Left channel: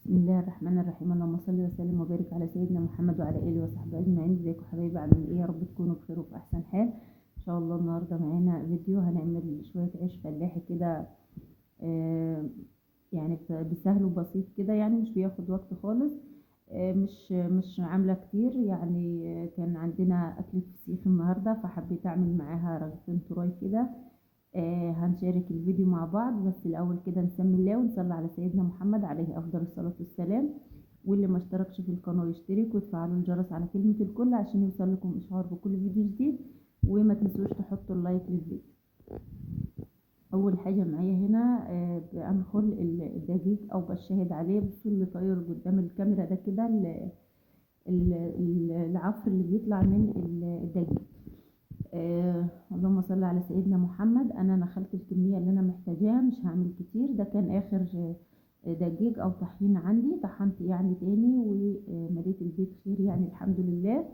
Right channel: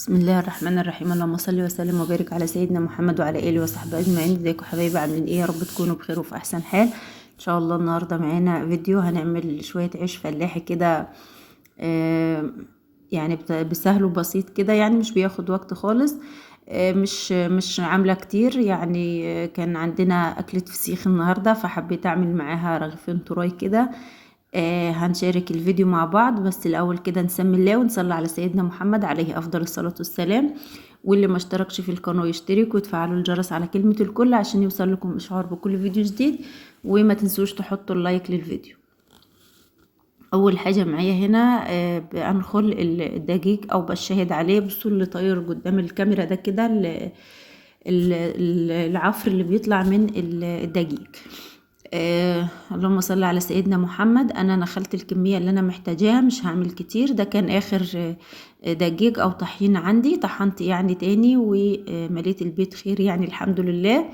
بسم الله الرحمن الرحيم. اللهم صل وسلم وبارك على سيدنا محمد وعلى اله وصحبه اجمعين. ازيكم حبايبي؟ عاملين ايه؟ يا رب تكونوا بخير وفي احسن حال ان شاء الله. النهارده معانا فيديو هنعمل شويه عيش فلاحي كده. آه يعني بسهل وبسيط كده، يعني مش بياخد وقت خالص. مش عامله كتير يعني. كان عندنا اكله فسيخ النهارده فحبيت اعمل معاها رغيفين تراي كده. هنشارك الفيديو مع بعض، بس الأول كده نسمي الله ونصلي على سيدنا محمد عليه أفضل الصلاة والسلام. واللي ما اشتركش في القناة يشترك وتفعلوا الجرس على كلمة الكل عشان يوصل لكم إشعار بكل فيديو جديد. وما تنسوش تحطوا اللايك للفيديو. أول حاجة معايا هنا بنخل الدقيق أو بشهد عليه. بصوا اللي طاير قدام الكاميرا ده كده العفر اللي بيطلع من الدقيق. اللهم صل على سيدنا محمد. انا نخلت الكميه اللي انا محتاجاها، مش هعمل كتير. ده كان اخر دقيق او طحين عندي. طحنت يعني تاني ومليت البيت خير يعني الحمد لله.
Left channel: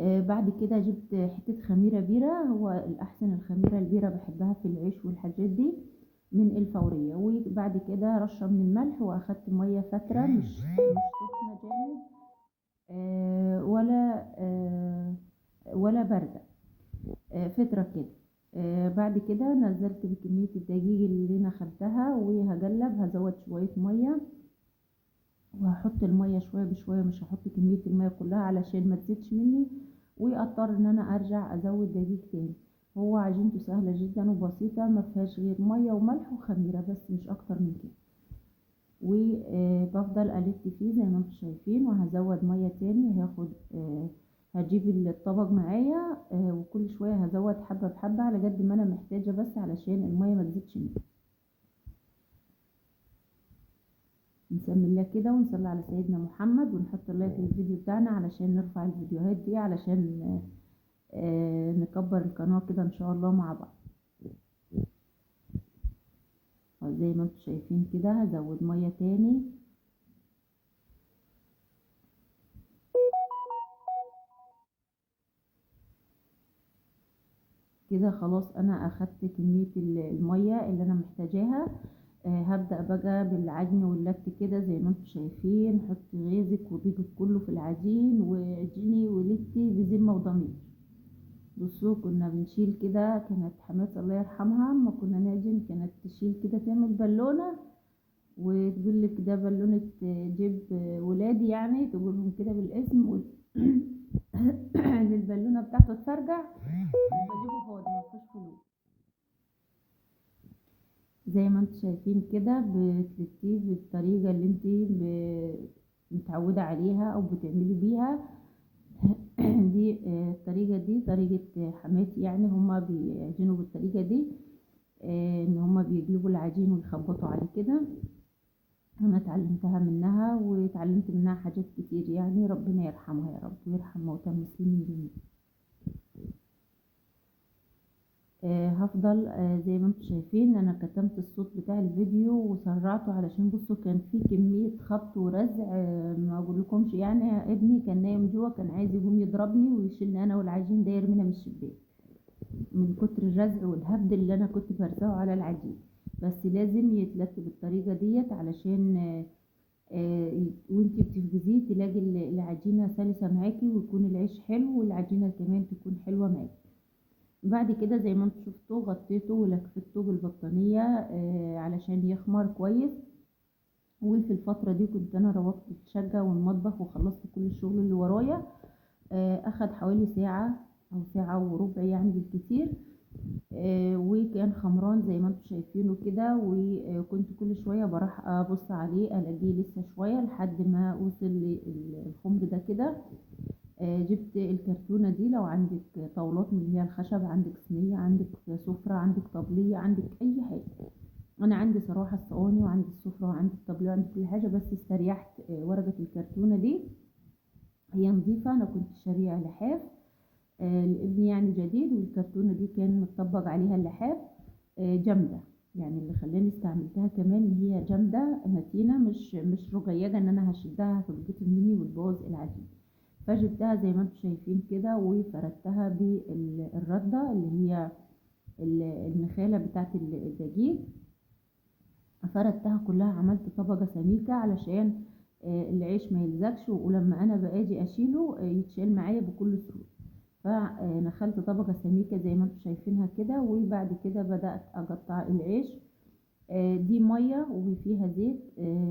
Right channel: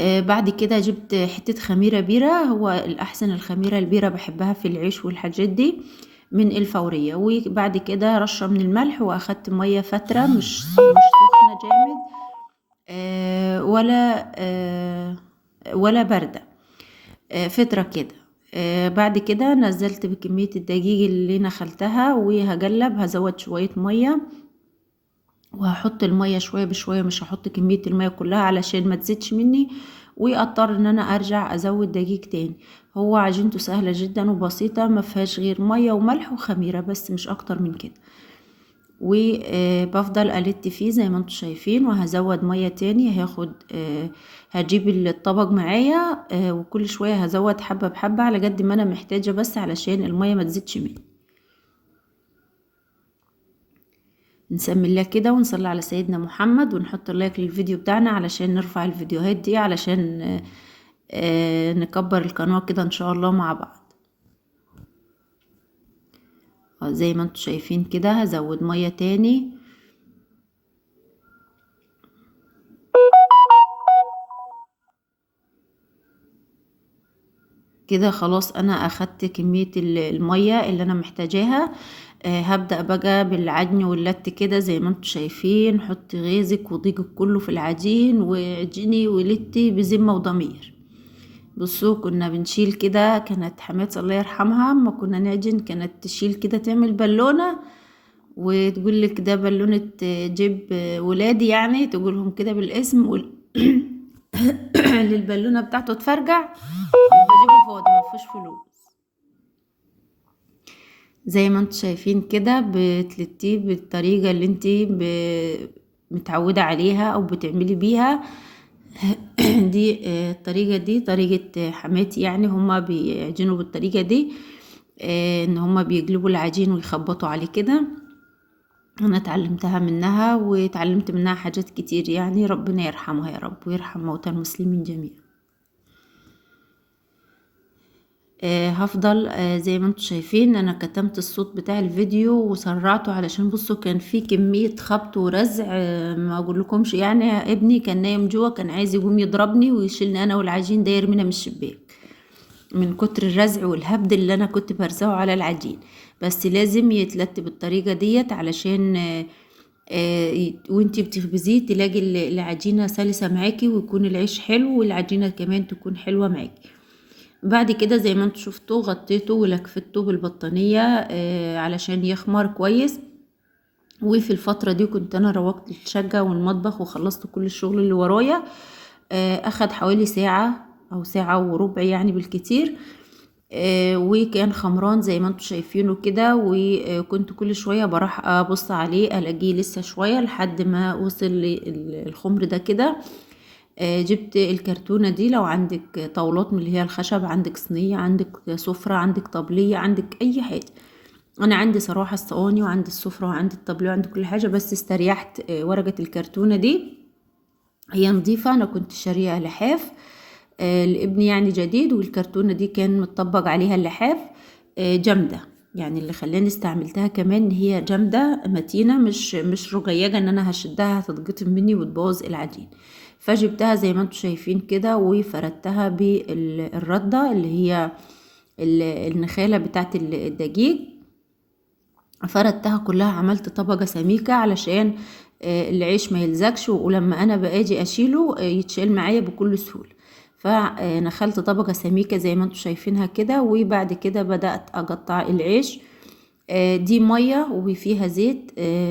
بعد كده جبت حته خميره بيره. هو الاحسن الخميره البيره، بحبها في العيش والحاجات دي، من الفوريه. وبعد كده رشه من الملح، واخدت ميه فتره مش سخنه جامد ولا باردة، فترة كده. بعد كده نزلت بكمية الدقيق اللي نخلتها وهقلب. هزود شوية مية وهحط المية شوية بشوية، مش هحط كمية المية كلها علشان ما تزيدش مني واضطر ان انا ارجع ازود دقيق تاني. هو عجينته سهلة جدا وبسيطة، ما فيهاش غير مية وملح وخميرة بس، مش اكتر من كده. وبفضل ألت فيه زي ما انتم شايفين. وهزود مية تاني. هجيب الطبق معايا وكل شوية هزود حبة بحبة على قد ما انا محتاجة، بس علشان المية ما تزيدش مني. نسمي الله كده ونصلي على سيدنا محمد ونحط اللايك للفيديو بتاعنا علشان نرفع الفيديوهات دي، علشان نكبر القناة كده ان شاء الله مع بعض. زي ما انتم شايفين كده هزود مية تاني. كده خلاص انا اخدت كمية المية اللي انا محتاجاها. هبدأ بقى بالعجن واللت كده زي ما انتم شايفين. حطي غيزك وضيقك كله في العجين وعجني ولتي بذمة وضمير. بصوا كنا بنشيل كده، كانت حماتي الله يرحمها اما كنا نعجن كانت تشيل كده تعمل بالونة وتقول لك ده بالونة جيب ولادي، يعني تقولهم كده بالاسم للبالونة بتاعته تفرجع بجيبه فاضي مفيهوش فلوس. زي ما انتم شايفين كده بتلتيه بالطريقة اللي انت متعودة عليها او بتعملي بيها. دي الطريقة دي طريقة حماتي، يعني هما بيعجنوا بالطريقة دي. ان هما بيقلبوا العجين ويخبطوا عليه كده. انا اتعلمتها منها واتعلمت منها حاجات كتير، يعني ربنا يرحمها يا رب ويرحم موتى المسلمين جميعا. هفضل زي ما انتم شايفين. انا كتمت الصوت بتاع الفيديو وسرعته علشان بصوا كان في كمية خبط ورزع. ما اقول لكمش يعني. ابني كان نايم جوا، كان عايز يقوم يضربني ويشيلني انا والعجين ده يرمينا من الشباك من كتر الرزع والهبد اللي انا كنت برزعه على العجين. بس لازم يتلت بالطريقة ديت علشان وانتي بتخبزيه تلاقي العجينة سلسة معاكي ويكون العيش حلو والعجينة كمان تكون حلوة معاكي. بعد كده زي ما انتوا شفتوا غطيته ولكفته بالبطانية علشان يخمر كويس. وفي الفترة دي كنت انا روقت الشقة والمطبخ وخلصت كل الشغل اللي ورايا. اخد حوالي ساعة او ساعة وربع يعني بالكتير. وكان خمران زي ما انتوا شايفينه كده. وكنت كل شوية بروح ابص عليه الاقيه لسه شوية لحد ما وصل الخمر ده كده. جبت الكرتونة دي. لو عندك طاولات من اللي هي الخشب، عندك صينية، عندك سفرة، عندك طبلية، عندك اي حاجة. انا عندي صراحة الصواني وعندي السفرة وعندي الطبلية وعندي كل حاجة، بس استريحت ورقة الكرتونة دي هي نظيفة. انا كنت شارية لحاف لابني يعني جديد، والكرتونة دي كان متطبق عليها اللحاف جامدة. يعني اللي خلاني استعملتها كمان ان هي جامدة متينة، مش رقيقة ان انا هشدها هتتقطم مني وتبوظ العجين. فجبتها زي ما انتم شايفين كده وفردتها بالردة اللي هي النخالة بتاعت الدقيق. فردتها كلها، عملت طبقة سميكة علشان العيش ما يلزقش، ولما انا باجي اشيله يتشال معايا بكل سهولة. فنخلت طبقة سميكة زي ما انتم شايفينها كده، وبعد كده بدأت اقطع العيش. دي مية وفيها زيت.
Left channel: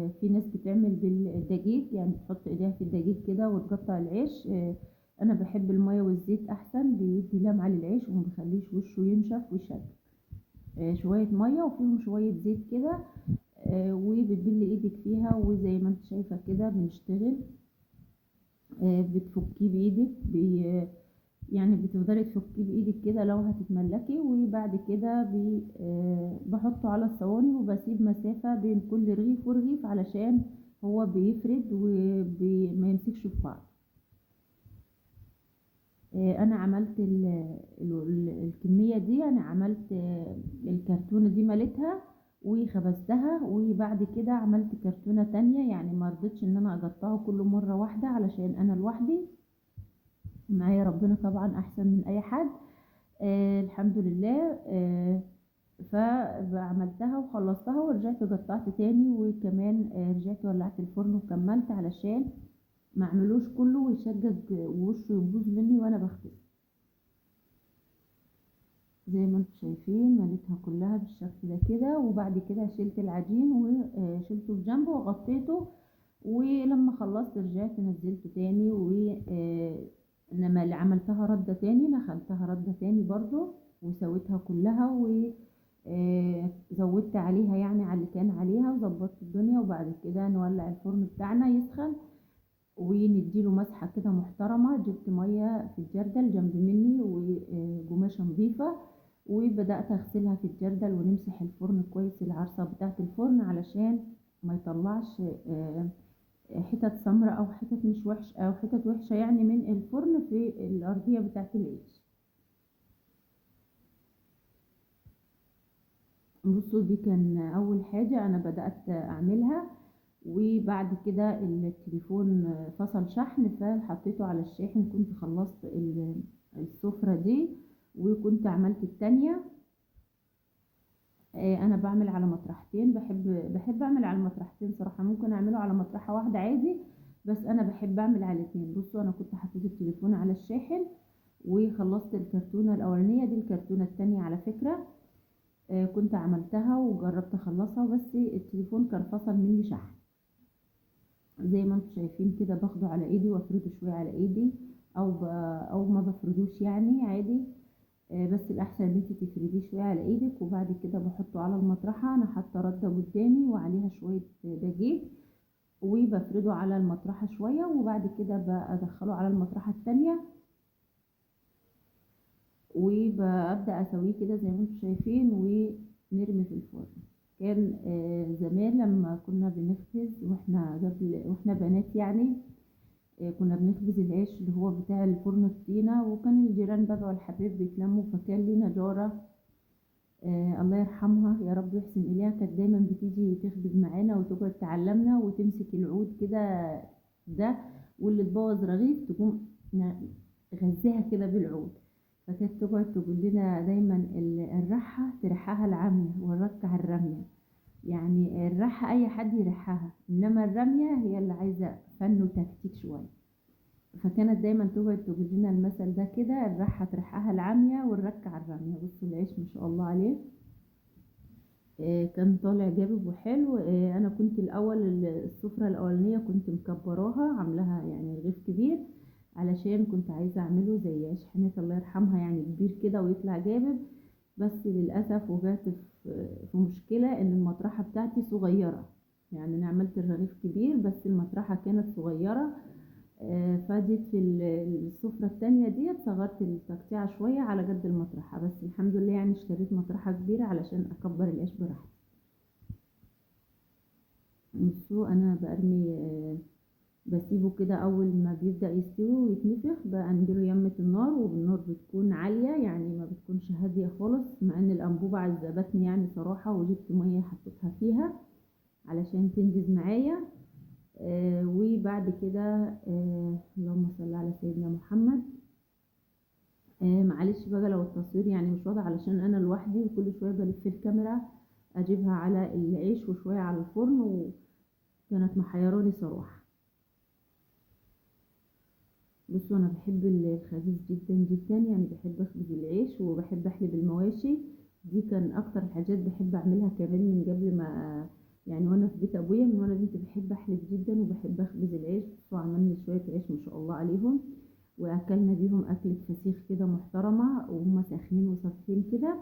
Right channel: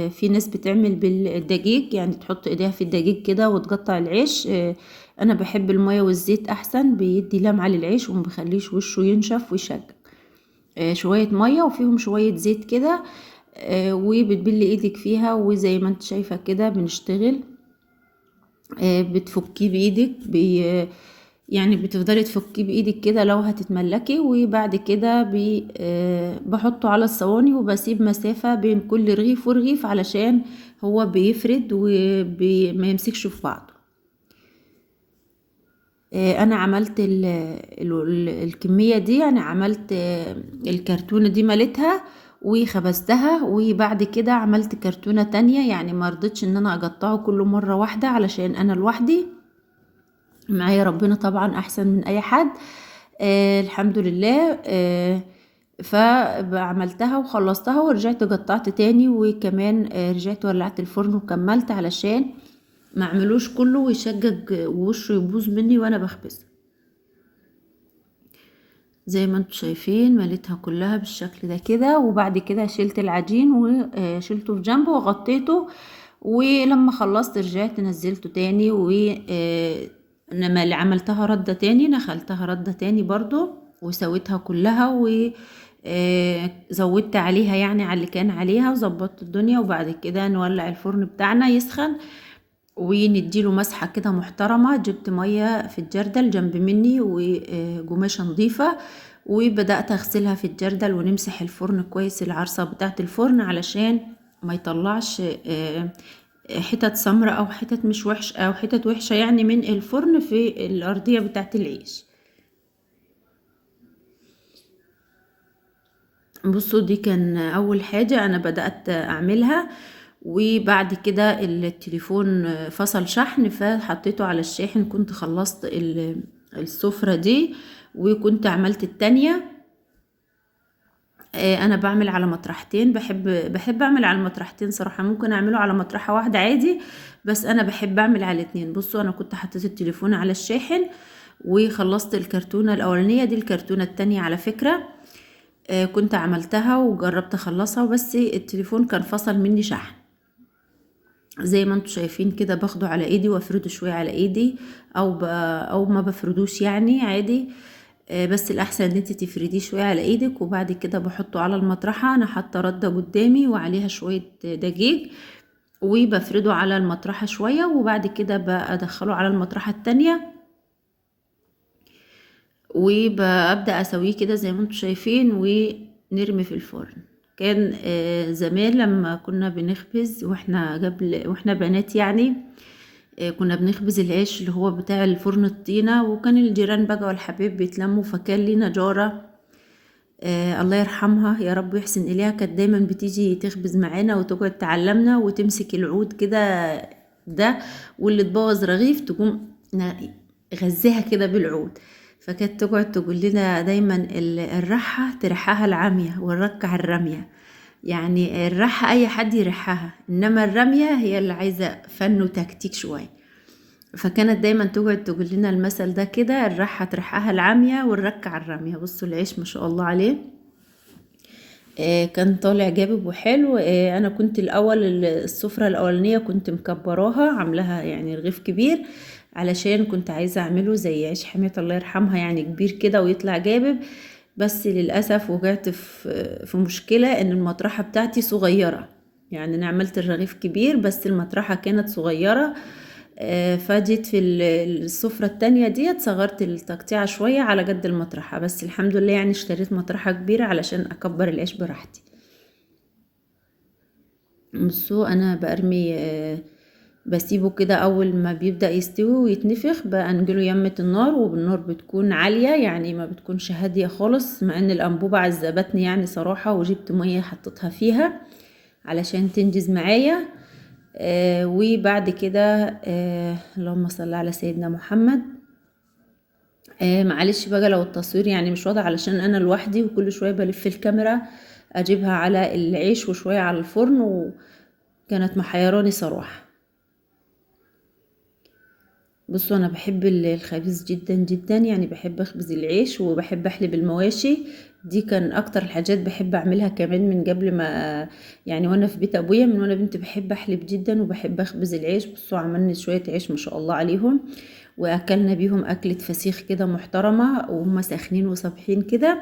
في ناس بتعمل بالدقيق، يعني تحط ايديها في الدقيق كده وتقطع العيش. انا بحب المية والزيت احسن، بيدي لمعة للعيش ومبخليش وشه ينشف ويشقق. شوية مية وفيهم شوية زيت كده، وبتبلي ايدك فيها، وزي ما انت شايفة كده بنشتغل. بتفكيه بايدك يعني بتفضلي تفكيه بايدك كده لو هتتملكي، وبعد كده بحطه على الصواني وبسيب مسافة بين كل رغيف ورغيف علشان هو بيفرد وما يمسكش في بعضه. انا عملت الكمية دي، انا عملت الكرتونة دي مليتها وخبزتها، وبعد كده عملت كرتونة تانية، يعني ما رضيتش ان انا اقطعه كله مرة واحدة علشان انا لوحدي، معايا ربنا طبعا احسن من اي حد. الحمد لله. فعملتها وخلصتها ورجعت قطعت تاني، وكمان رجعت ولعت الفرن وكملت علشان ما اعملوش كله ويشجج ووشه يبوظ مني وانا بخبز. زي ما انتم شايفين مليتها كلها بالشكل ده كده، وبعد كده شلت العجين وشلته في جنبه وغطيته، ولما خلصت رجعت نزلته تاني، و انما اللي عملتها ردة تاني، نخلتها ردة تاني برضو وسويتها كلها، و زودت عليها يعني على اللي كان عليها وظبطت الدنيا. وبعد كده نولع الفرن بتاعنا يسخن ونديله مسحة كده محترمة. جبت مية في الجردل جنب مني وقماشة نظيفة، وبدأت اغسلها في الجردل ونمسح الفرن كويس، العرصة بتاعة الفرن، علشان ما يطلعش حتت سمرة او حتت مش وحش او حتت وحشة يعني من الفرن في الأرضية بتاعة العيش. بصوا دي كان اول حاجة انا بدأت اعملها. وبعد كده التليفون فصل شحن، فحطيته على الشاحن، كنت خلصت السفرة دي وكنت عملت التانية. انا بعمل على مطرحتين، بحب اعمل على المطرحتين صراحة، ممكن اعمله على مطرحة واحدة عادي، بس انا بحب اعمل على اتنين. بصوا انا كنت حطيت التليفون على الشاحن وخلصت الكرتونة الاولانية، دي الكرتونة التانية على فكرة. كنت عملتها وجربت اخلصها، بس التليفون كان فصل مني شحن. زي ما انتم شايفين كده باخده على ايدي وافرده شوية على ايدي، او ما بفردوش يعني عادي. بس الاحسن ان انت تفرديه شوية على ايدك، وبعد كده بحطه على المطرحة. انا حاطه ردة قدامي وعليها شوية دقيق، وبفرده على المطرحة شوية، وبعد كده بدخله على المطرحة التانية وببدأ اسويه كده زي ما انتم شايفين ونرمي في الفرن. كان زمان لما كنا بنخبز واحنا بنات يعني، كنا بنخبز العيش اللي هو بتاع الفرن الطينة، وكان الجيران بقى والحبايب بيتلموا. فكان لينا جارة الله يرحمها يا رب يحسن إليها، كانت دايما بتيجي تخبز معانا وتقعد تعلمنا وتمسك العود كده ده، واللي تبوظ رغيف تقوم غزها كده بالعود. فكانت تقعد تقول لنا دايما الرحة ترحها العمية والركع الرمية، يعني الرحة اي حد يرحها، انما الرمية هي اللي عايزة فن وتكتيك شوية. فكانت دايما تقعد تقول لنا المثل ده كده، الرحة ترحها العمية والركع الرمية. بصوا العيش ما شاء الله عليه كان طالع جابب وحلو. انا كنت الاول السفرة الاولانية كنت مكبراها عاملاها يعني رغيف كبير، علشان كنت عايزة اعمله زي عيش حمية الله يرحمها يعني كبير كده ويطلع جابب. بس للأسف وقعت في مشكلة ان المطرحة بتاعتي صغيرة، يعني انا عملت الرغيف كبير بس المطرحة كانت صغيرة. فجيت في السفرة التانية ديت صغرت التقطيعة شوية على قد المطرحة، بس الحمد لله يعني اشتريت مطرحة كبيرة علشان اكبر العيش براحتي. بصوا انا برمي بسيبه كده اول ما بيبدأ يستوي ويتنفخ بنجله يمة النار، وبالنار بتكون عالية يعني ما بتكونش هادية خالص، مع ان الانبوبة عذبتني يعني صراحة، وجبت مية حطيتها فيها علشان تنجز معايا. وبعد كده اللهم صل على سيدنا محمد. معلش بقى لو التصوير يعني مش واضح علشان انا لوحدي وكل شوية بلف الكاميرا اجيبها على العيش وشوية على الفرن، وكانت محيراني صراحة. بصوا انا بحب الخبيز جدا جدا، يعني بحب اخبز العيش وبحب احلب المواشي. دي كان اكتر الحاجات بحب اعملها كمان من قبل ما، يعني وانا في بيت ابويا من وانا بنت بحب احلب جدا وبحب اخبز العيش. بصوا عملنا شوية عيش ما شاء الله عليهم، واكلنا بيهم اكلة فسيخ كده محترمة وهم ساخنين وصابحين كده.